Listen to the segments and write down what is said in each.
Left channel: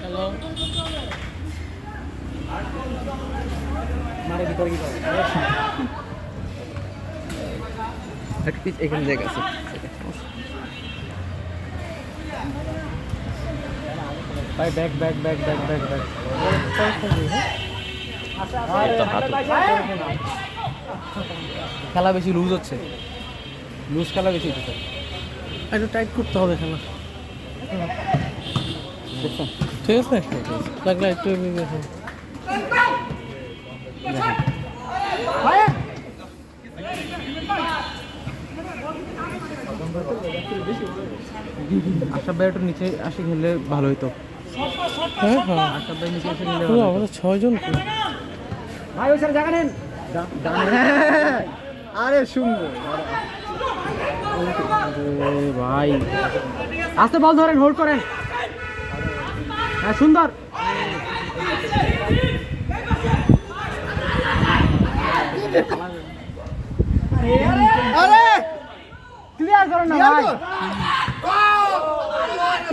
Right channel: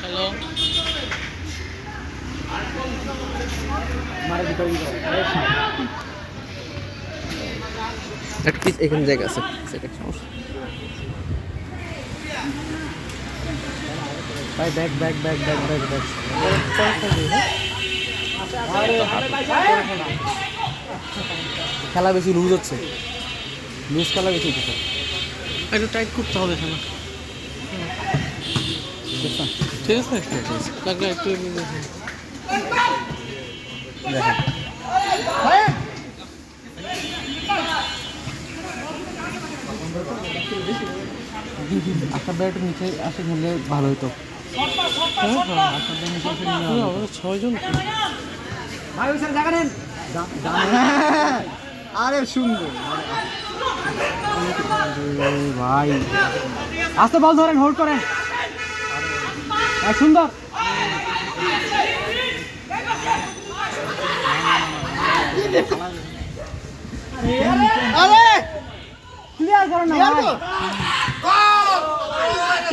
hello একটা piece এখানে জায়গা আছে সেটা সমস্যা ভাই bag bag bag bag bag bag খেলা বেশি লুজ হচ্ছে লুজ খেলা বেশি হচ্ছে একটু টাইট করতে হবে খেলা ঠিক আছে লাগলে একটু দেখেন আশা ব্যাট নিচে আসে খেললে ভালো হতো হ্যাঁ হ্যাঁ আশা ব্যাট নিচে এসে নিলে আমাদের 6 জন তো ভাই ওই জায়গা নেন আরে সুন্দর ভাই আস্তে বল ধরেন হোল্ড করেন হ্যাঁ সুন্দর ক্লিয়ার করেন না ভাই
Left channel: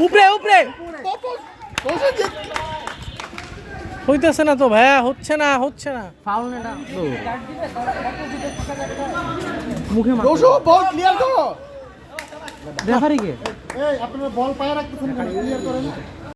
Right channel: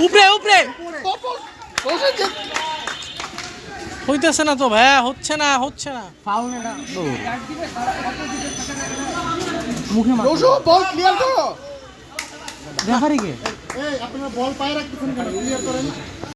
উপরে উপরে হইতেছে না তো ভাইয়া হচ্ছে না ফাউল না মুখে মার বল ক্লিয়ার করো রেফারি কে এই আপনি বল পায়ে রাখতেছেন